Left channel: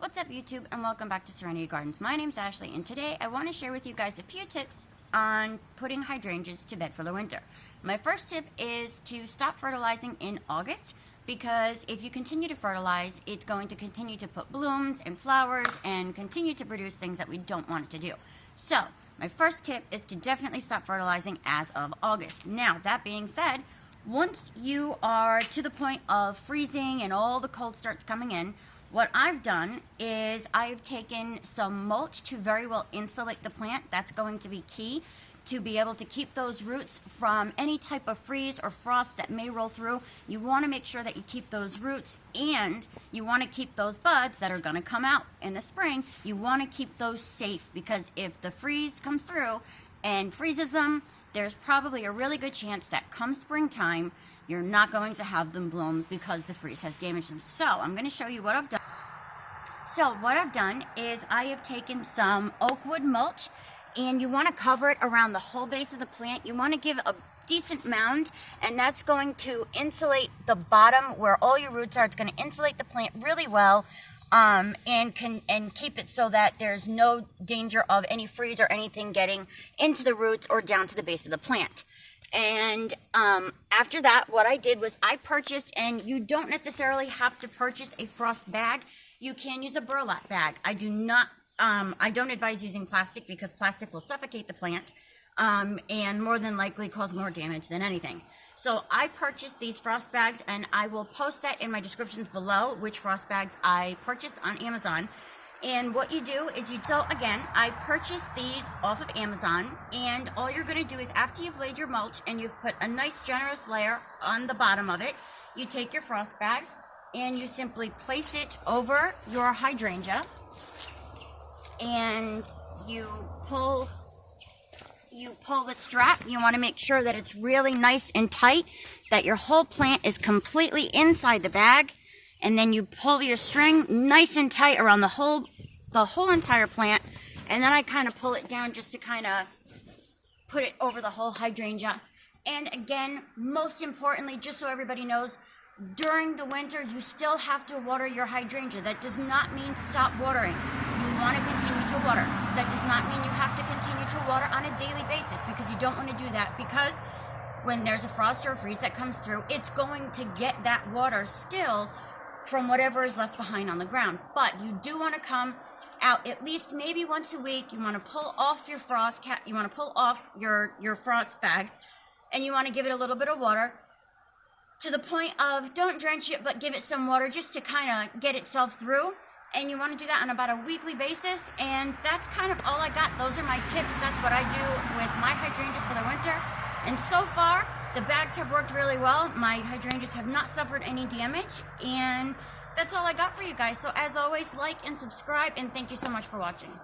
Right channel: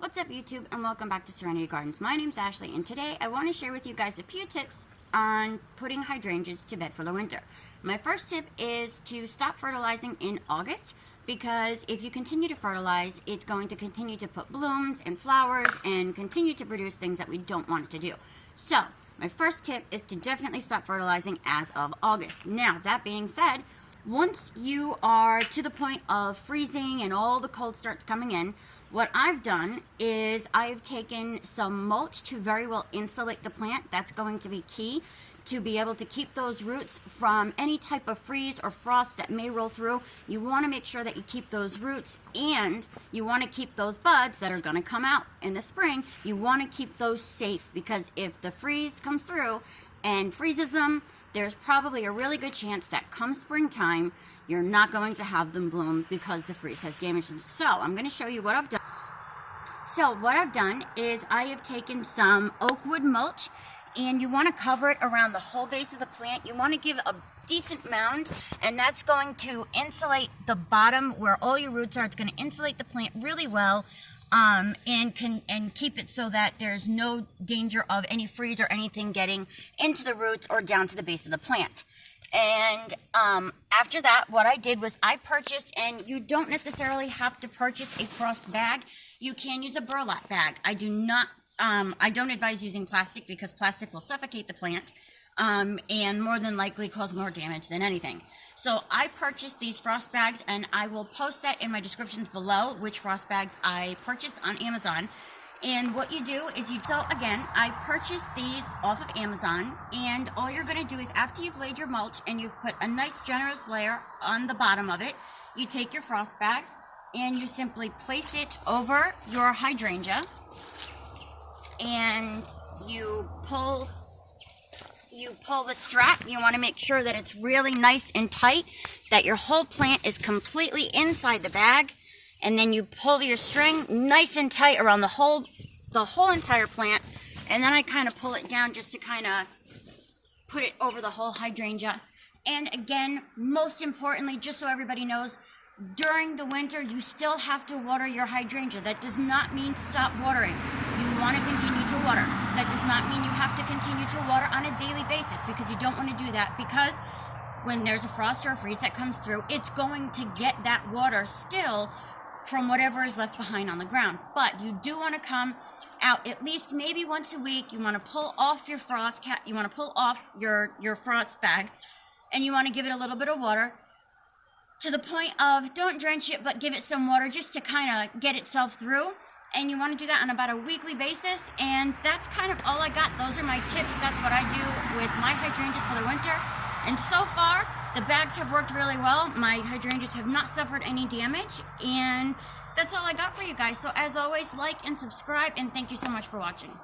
What's up YouTube, and welcome back to Serenity Gardens. My name's Ashley, and today I want to share with you guys a few tips on putting hydrangeas to bed for the winter. My first tip is to stop fertilizing in August, because if you continue to fertilize, it's going to continue to put blooms and flowers and continue to produce things that we don't want it to do. So my first tip is to definitely stop fertilizing as of August. Now, that being said, once you are to the point of freezing and all the cold starts coming in, what I've done is I've taken some mulch to very well insulate the plant. That's going to be key to be able to keep those roots from any type of freeze or frost that may roll through. You want to make sure that you keep those roots, and you want to keep those buds that are going to come out in the spring. You want to keep those safe, because if the freeze comes through and freezes them, there's probably a really good chance that come springtime, you're not going to have them bloom because the freeze has damaged them. So I'm going to show you what I've done. So what I've done is I have taken some oak wood mulch, and you want to cover it around the whole base of the plant. You want to give a decent mound, and that's going to insulate the bottom where all your roots are. It's going to insulate the plant really well, and keep it so that there's no danger of any freeze or anything getting into the roots or down to the base of the plant. And after that, what I did was I purchased, and you don't necessarily have to purchase a frost bag. You can use a burlap bag. I don't advise using plastic, because plastic will suffocate the plant and more than likely cause more damage than anything. So I purchased these frost bags, and I will post that in my descriptions below, which frost bags I purchased on Amazon. And what you do is I purchased these off of Amazon, and all you're going to do is, after you've laid your mulch and you've put a nice generous layer on the bottom of it, you take your frost bag and you simply place it over your hydrangea, and you pull the strap. You want to make sure that it's really nice and tight, that your whole plant is completely inside the bag. And then you pull your string nice and tight around the whole entire plant. And then I kind of pull it down just to kind of put it over the whole hydrangea. And again, most importantly, just so everybody knows, during the winter, you still have to water your hydrangea. That does not mean to stop watering. You want to continue to water. That does not mean you have to continue to water on a daily basis, because you don't want to do that, because when there's a frost or a freeze that comes through, it's going to get that water still from whatever is left behind on the ground. But you do want to come out at least maybe once a week. You want to pull off your you want to pull off your frost bag, and you want to give it a little bit of water, to the point of, don't drench it, but give it some water just to kind of get itself through. And you want to do that on about a weekly basis. And that's kind of all I got. Those are my tips. That's what I do with my hydrangeas for the winter. And so far, the bags have worked really well. My hydrangeas have not suffered any damage. And that's all I got for you guys. So as always, like and subscribe, and thank you so much for watching.